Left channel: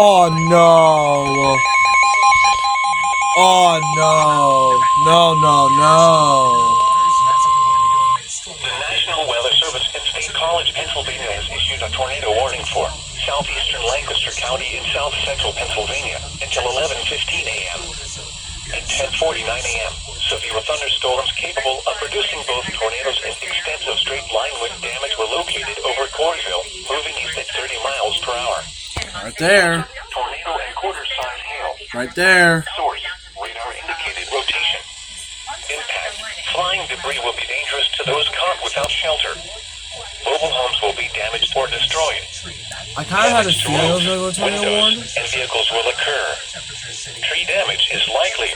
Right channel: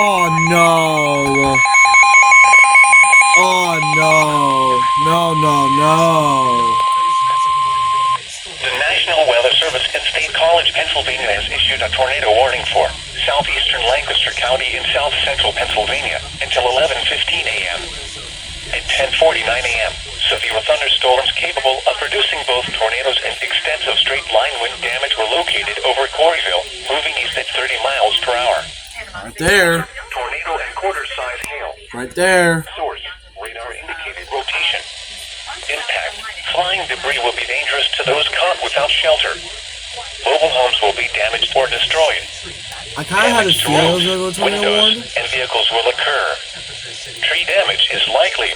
Oh no. Oh no. No, no, no. The National Weather Service in State College, Pennsylvania has issued a tornado warning for southeastern Lancaster County in south central Pennsylvania until 11:15 a.m. At 10:49 a.m., severe thunderstorms capable of producing both tornadoes and extensive straight-line wind damage were located over Coreyville, moving east at 30 miles per hour. Right there. Tornado and quarter-size hail. Right there. Source, radar indicated rotation. Impact, flying debris will be dangerous to those caught without shelter. Mobile homes will be damaged or destroyed. I kind of had a feeling it was going to tornado warning. And vehicles will occur. Tree damage is likely.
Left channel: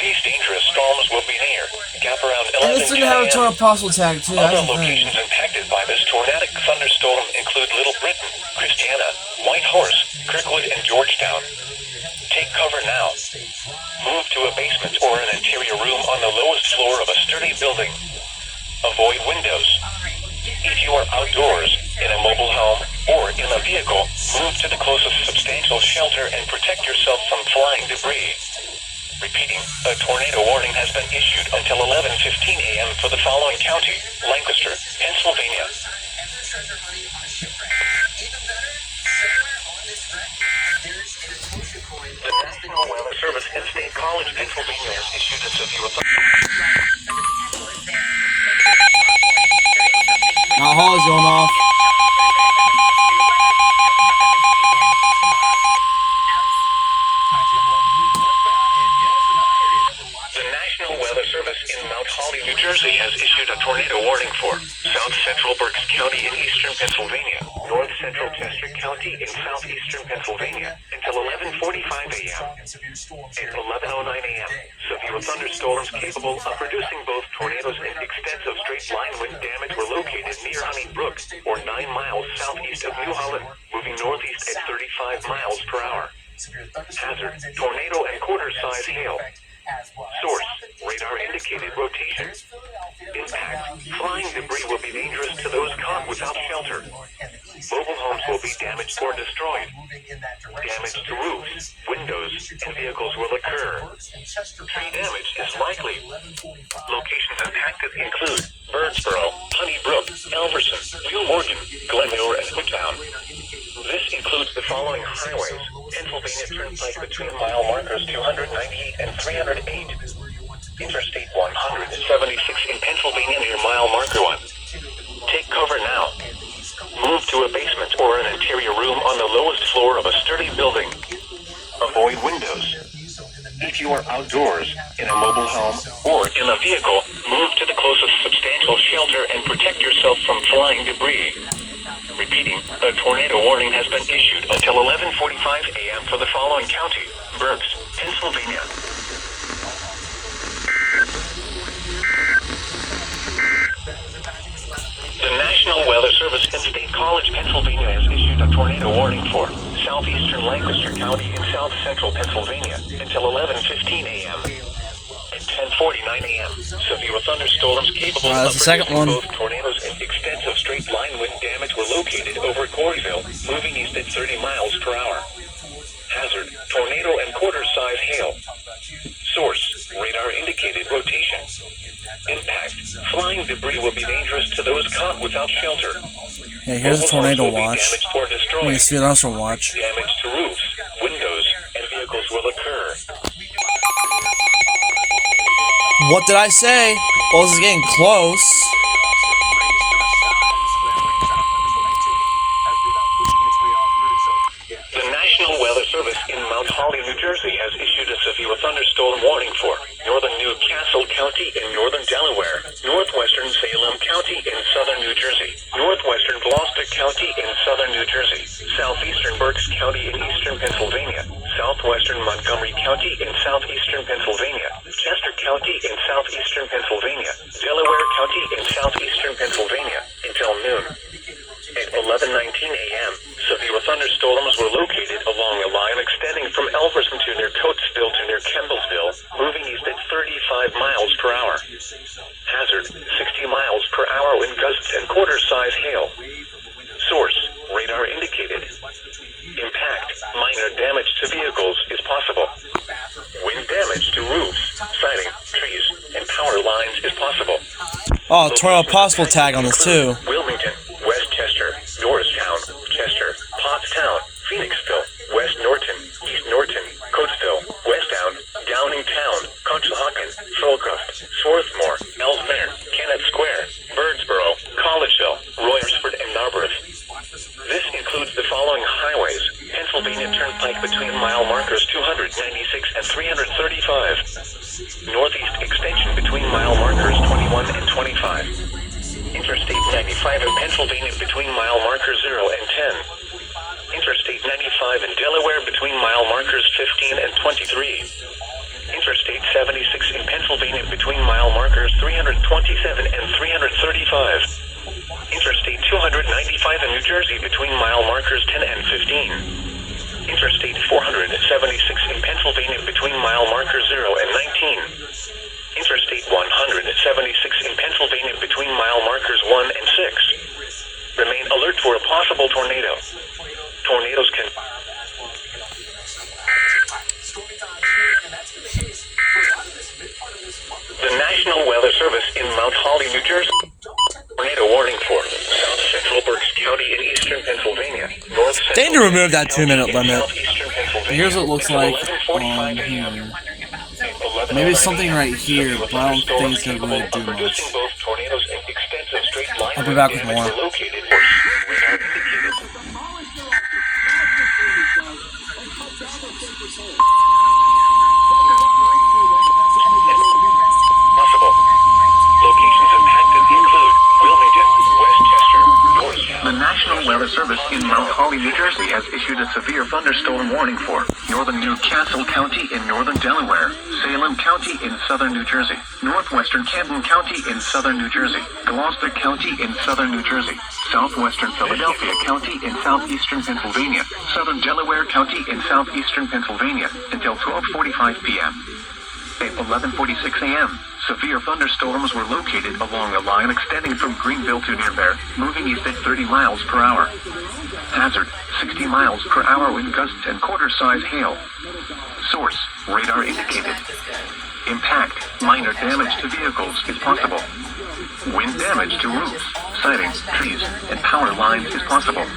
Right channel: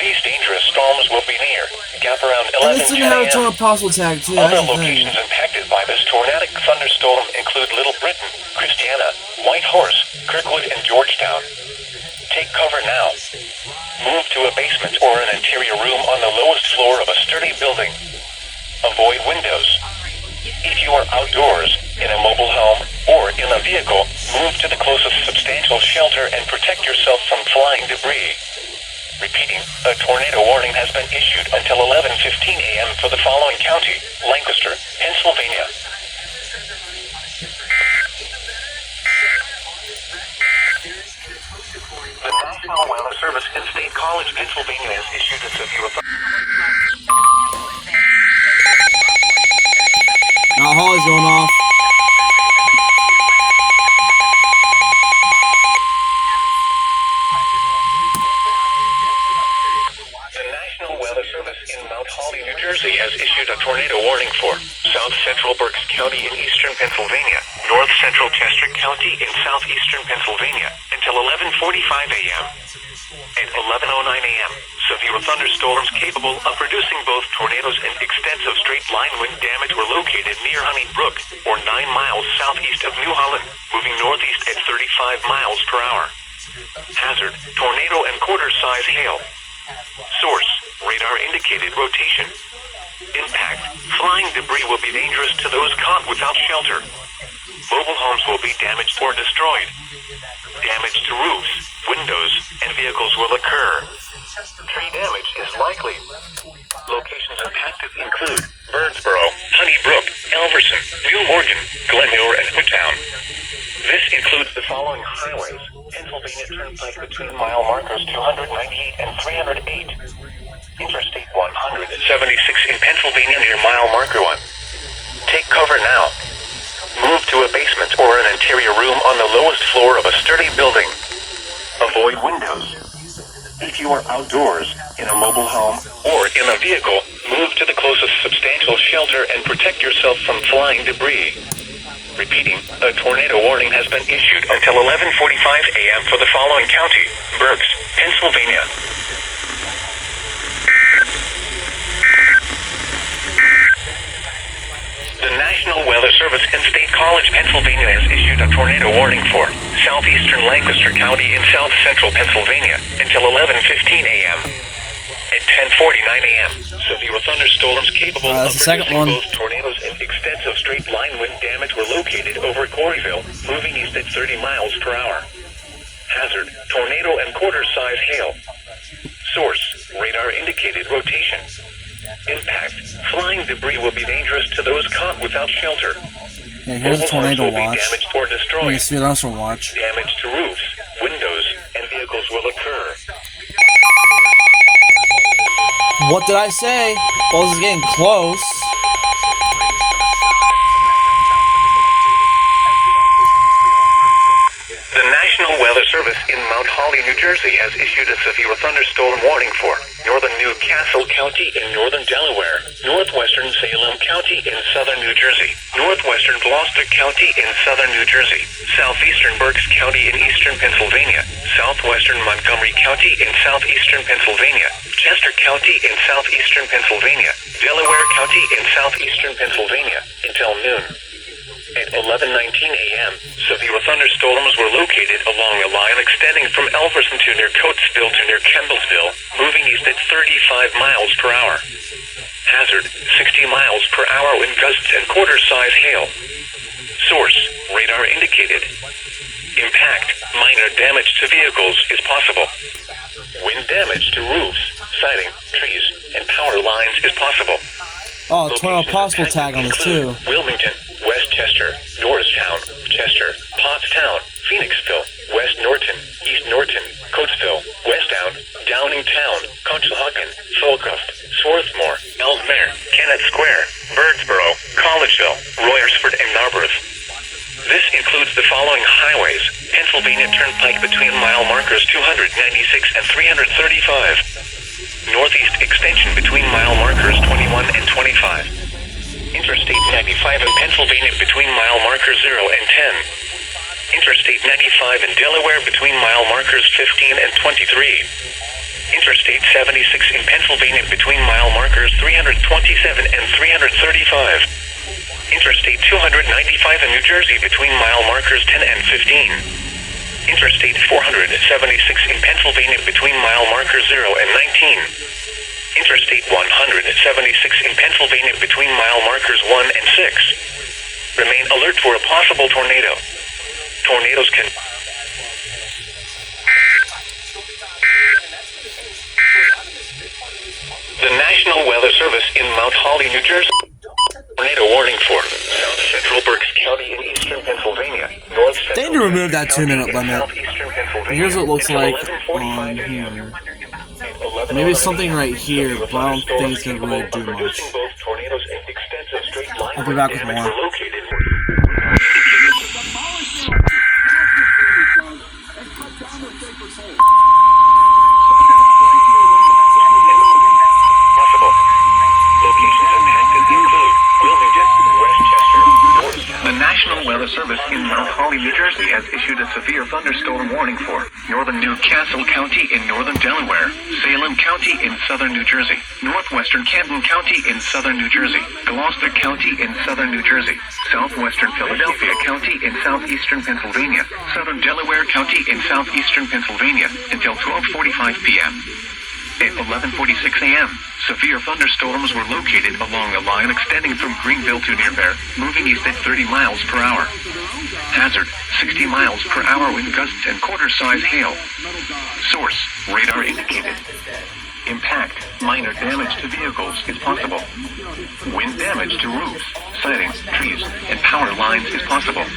These dangerous storms will be near gap around 11 Listen to how it's a possible tag too. Other locations impacted by this tornadic thunderstorm include Little Britain, Christiana, White Horse, Kirkwood, and Georgetown. Take cover now. Move to a basement or an interior room on the lowest floor of a sturdy building. Avoid windows. If you are outdoors, in a mobile home, or in a vehicle, move to the closest substantial shelter and protect yourself from flying debris. Repeating, a tornado warning has been issued until 11:15 a.m. for the following county: Lancaster, Pennsylvania. The National Weather Service in State College, Pennsylvania has issued a severe Now Holly's going off. The National Weather Service in Mount Holly, New Jersey has issued a tornado warning for south central Berks County in eastern Pennsylvania, north central Chester County in southeastern Pennsylvania until 11:45 a.m. At 11:09 a.m., severe thunderstorms capable of producing both tornadoes and extensive straight-line wind damage were located near Honey Brook, or 9 miles southeast of New Holland, moving northeast at 35 miles per hour. Hazard, tornado and quarter-size hail. Source, radar indicated rotation. Impact, flying debris will be dangerous to those caught without shelter. Mobile homes will be damaged or destroyed. Damage to roofs, windows, and vehicles will occur. Tree damage is likely. Locations impacted include Birdsboro, Honey Brook, Elverson, New Morgan, Glenmore, and Newtown. This includes the following highways: Pennsylvania Turnpike between mile markers 298 and 308. Interstate 176 in Pennsylvania near mile marker 1. Take cover now. Move to a basement or an interior room on the lowest floor of a sturdy building. Avoid windows. If you are outdoors, in a mobile home, or in a vehicle, move to the closest substantial shelter and protect yourself from flying debris. Repeating, a tornado warning has been issued until 11:45 a.m. for the following county: Berks, Pennsylvania. The National Weather Service in State College, Pennsylvania has issued a tornado warning for southeastern Lancaster County in south central Pennsylvania until 11:15 a.m. At 10:49 a.m., severe thunderstorms capable of producing both tornadoes and extensive straight-line wind damage were located over Coreyville, moving east at 30 miles per hour. Hazard, tornado and quarter-size hail. Source, radar indicated rotation. Impact, flying debris will be dangerous to those caught without shelter. Yeah, here's a tornado watch. Let me see what else will watch. Damage to roofs, windows, and vehicles will occur. What did I say? Well, this is getting close. The National Weather Service in Mount Holly, New Jersey has issued a severe thunderstorm warning for northern Newcastle County in northern Delaware, northwestern Salem County in southern New Jersey, northwestern Gloucester County in southern New Jersey, southeastern Berks County in eastern Pennsylvania, southwestern Montgomery County in southeastern Pennsylvania, Chester County in southeastern Pennsylvania, Delaware County in southeastern Pennsylvania until noon. At 11:19 a.m., severe thunderstorms were located along a line extending from Elverson to near Coatesville to near Kendallsville, moving east at 35 miles per hour. Hazard, 60 miles per hour wind gusts and quarter-size hail. Source, radar indicated. Impact, minor damage to vehicles is possible. Wind damage to roofs, siding, trees, and power lines is possible. Oh, tornado possible tag on this too. Wilmington, Westchester, Norristown, Chester, Pottstown, Phoenixville, West Norton, East Norton, Coatesville, Westtown, Downingtown, Conshohocken, Falcroft, Swarthmore, Ellesmere, Kennett Square, Birdsboro, Collegeville, Royersford, and Narberth. This includes the following highways: Pennsylvania Turnpike between mile markers 296 and 335. Northeast extension between mile markers 21 and 25. Interstate 95 in Pennsylvania between mile markers 0 and 10. Interstate 95 in Delaware between mile markers 15 and 23. Interstate 76 in Pennsylvania between mile markers 327 and 335. Interstate 295 in New Jersey between mile markers 10 and 15. Interstate 476 in Pennsylvania between mile markers 0 and 19. Interstate 176 in Pennsylvania between mile markers 1 and 6. Remain alert for a possible tornado. Tornadoes can... The National Weather Service in Mount Holly, New Jersey. Tornado warning for South Central Berks County in eastern Pennsylvania. North Central They need to remove that 2-minute limit. southeastern Pennsylvania. Here's what it looks like on here. Maybe something right here, but I don't think it's gonna really do much. I'll be back with more. The National Weather Service in Mount Holly, New Jersey has issued a severe thunderstorm warning for northern Newcastle County in northern Delaware, Salem County in southern New Jersey, northwestern Camden County in southern New Jersey, Gloucester County in southern New Jersey, southwestern Philadelphia County in southeastern Pennsylvania, southern Delaware County in southeastern Pennsylvania until 12:45 p.m. At 11:46 a.m., severe thunderstorms were located along a line extending from Greenville to near Bear, moving east at 30 miles per hour. Hazard, 60 miles per hour wind gusts and quarter-size hail. Source, radar indicated. Impact, minor damage to vehicles is possible. Wind damage to roofs, siding, trees, and power lines is possible.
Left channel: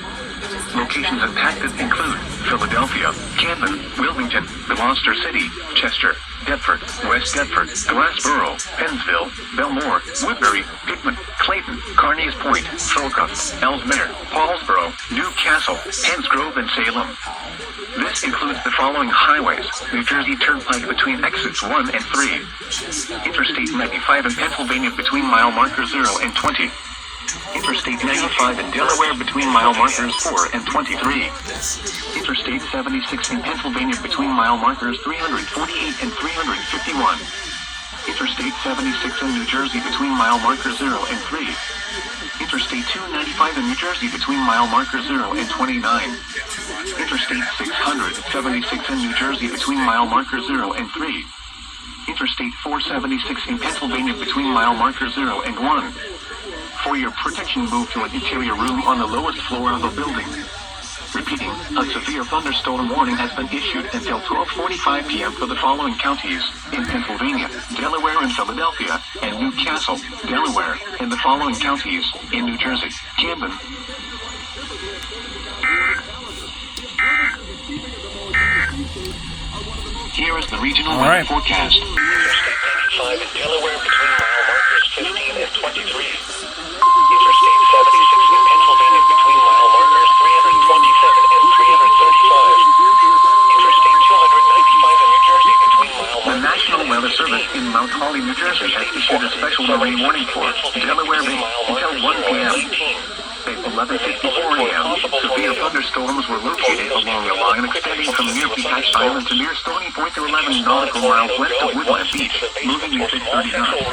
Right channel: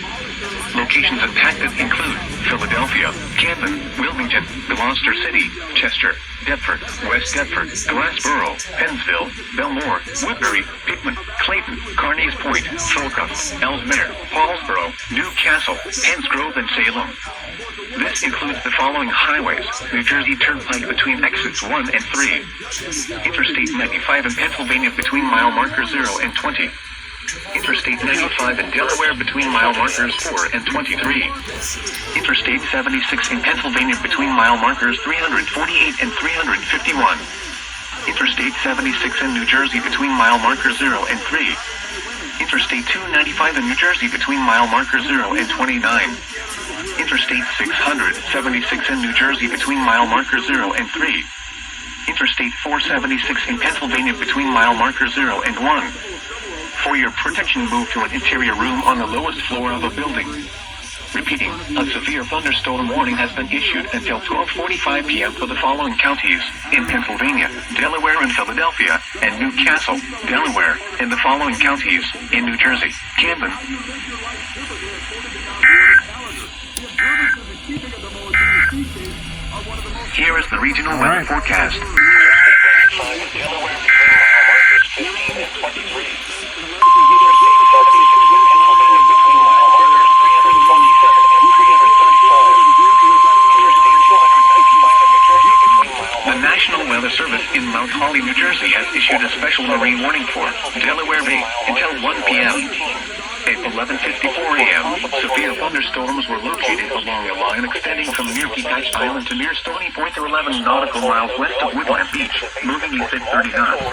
Locations impacted include Philadelphia, Camden, Wilmington, Gloucester City, Chester, Deptford, West Deptford, Glassboro, Pennsville, Belmore, Woodbury, Pittman, Clayton, Carneys Point, Falcroft, Ellesmere, Paulsboro, Newcastle, Hansgrove, and Salem. This includes the following highways: New Jersey Turnpike between exits 1 and 3. Interstate 95 in Pennsylvania between mile markers 0 and 20. Interstate 95 in Delaware between mile markers 4 and 23. Interstate 76 in Pennsylvania between mile markers 348 and 351. Interstate 76 in New Jersey between mile markers 0 and 3. Interstate 295 in New Jersey between mile markers 0 and 29. Interstate 676 in New Jersey between mile markers 0 and 3. Interstate 476 in Pennsylvania between mile markers 0 and 1. For your protection, move to an interior room on the lowest floor of a building. Repeating, a severe thunderstorm warning has been issued until 12:45 p.m. for the following counties in Pennsylvania, Delaware and Philadelphia, and Newcastle, Delaware, and the following counties in New Jersey, Camden. Here is the regional weather forecast. Interstate 95 in Delaware between mile markers 15 and 23. Interstate 76 in Pennsylvania between mile markers 327 and 335. Interstate 295 in New Jersey between mile markers... The National Weather Service in Mount Holly, New Jersey has issued a special marine warning for Delaware Bay until 1 p.m. At 11:54 a.m., severe thunderstorms were located along a line extending from near Peacock Island to near Stony Point to 11 nautical miles west of Woodland Beach, moving east at 30 knots.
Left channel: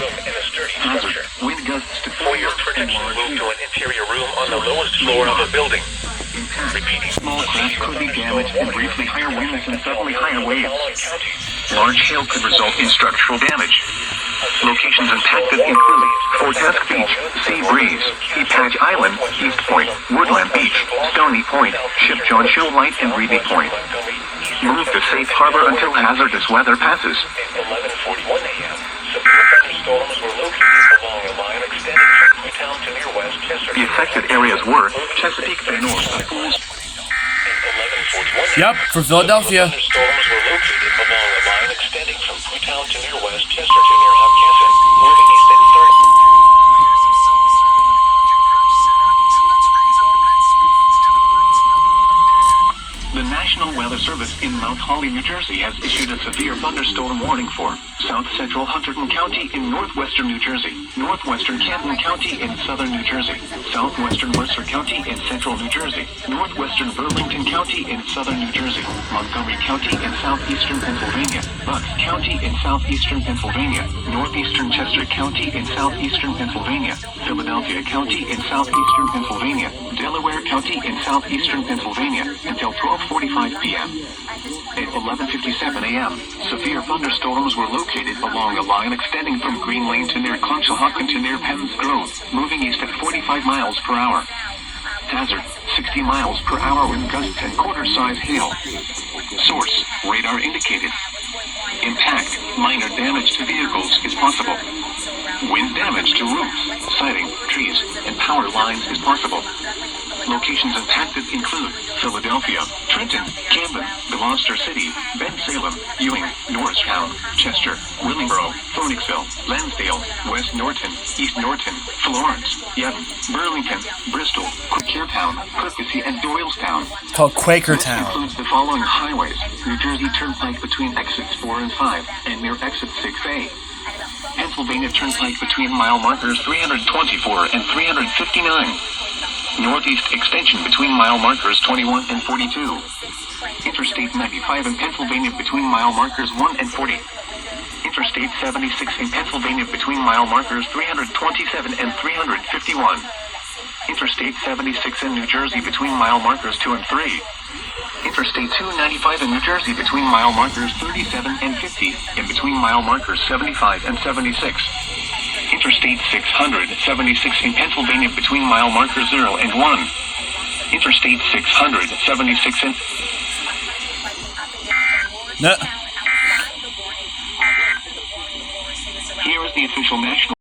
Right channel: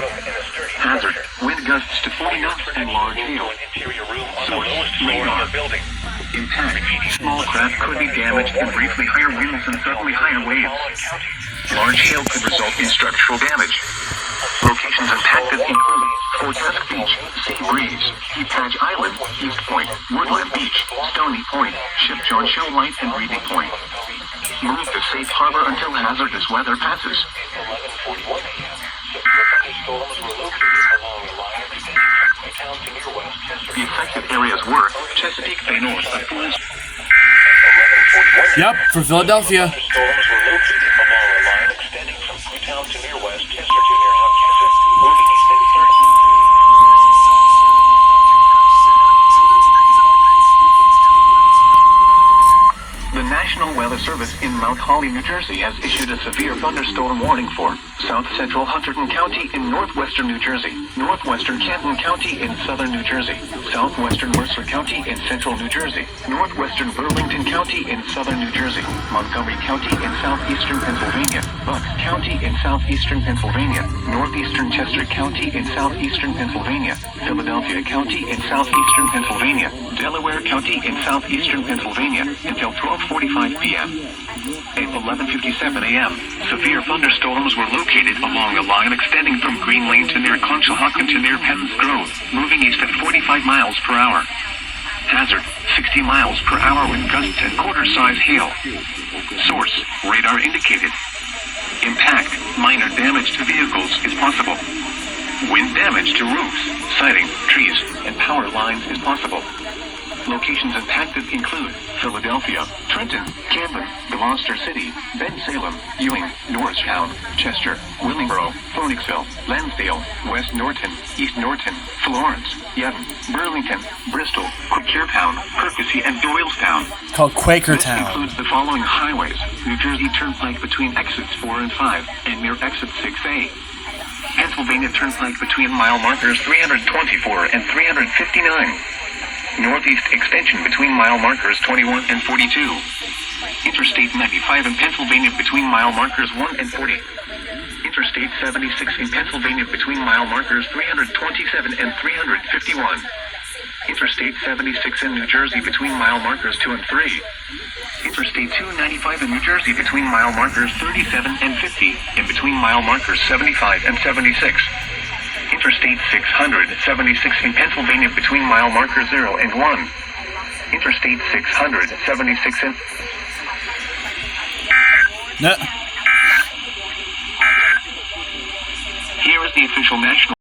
Hazard, wind gusts to 40 knots and large hail. Interior room on the lowest floor of a building. Impact, small craft could be damaged and briefly higher winds and suddenly higher waves. Large hail could result in structural damage. Locations impacted include Fortask Beach, Sea Breeze, Key Patch Island, East Point, Woodland Beach, Stony Point, Ship John Show Light, and Reedy Point. Move to safe harbor until hazardous weather passes. At 11:41 a.m., severe thunderstorms were located along a line extending from Newtown to near West Chester. The affected areas were Chesapeake Bay North and Pools. Yep, for Philadelphia. Thunderstorms were located along a line extending from Newtown to near West Chester to near Hopkinton, moving east at 30. The National Weather Service in Mount Holly, New Jersey has issued a severe thunderstorm warning for South Central Hunterdon County in northwestern New Jersey, northwestern Camden County in southern New Jersey, southwestern Mercer County in central New Jersey, northwestern Burlington County in southern New Jersey, Montgomery County in southeastern Pennsylvania, Bucks County in southeastern Pennsylvania, northeastern Chester County in southeastern Pennsylvania, Philadelphia County in southeastern Pennsylvania, Delaware County in southeastern Pennsylvania until 12:45 p.m. At 11:57 a.m., severe thunderstorms were located along a line extending from Green Lane to near Conshohocken to near Penn's Grove, moving east at 45 miles per hour. Hazard, 60 miles per hour with gusts and quarter-size hail. Source, radar indicated. Impact, minor damage to vehicles is possible. Wind damage to roofs, siding, trees, and power lines is possible. Locations impacted include Philadelphia, Trenton, Camden, Gloucester City, Bensalem, Ewing, Norristown, Chester, Willingboro, Phoenixville, Lansdale, West Norton, East Norton, Florence, Yadden, Burlington, Bristol, Quakertown, Percy, and Doylestown. Called This Quakertown. includes the following highways: New Jersey Turnpike between exits 4 and 5 and near exit 6A. Pennsylvania Turnpike between mile markers 324 and 359. Northeast Extension between mile markers 21 and 42. Interstate 95 in Pennsylvania between mile markers 1 and 40. Interstate 76 in Pennsylvania between mile markers 327 and 351. Interstate 76 in New Jersey between mile markers 2 and 3. Interstate 295 in New Jersey between mile markers 37 and 50 and between mile markers 75 and 76. Interstate 676 in Pennsylvania between mile markers 0 and 1. Interstate 676 in... No. Here is the official national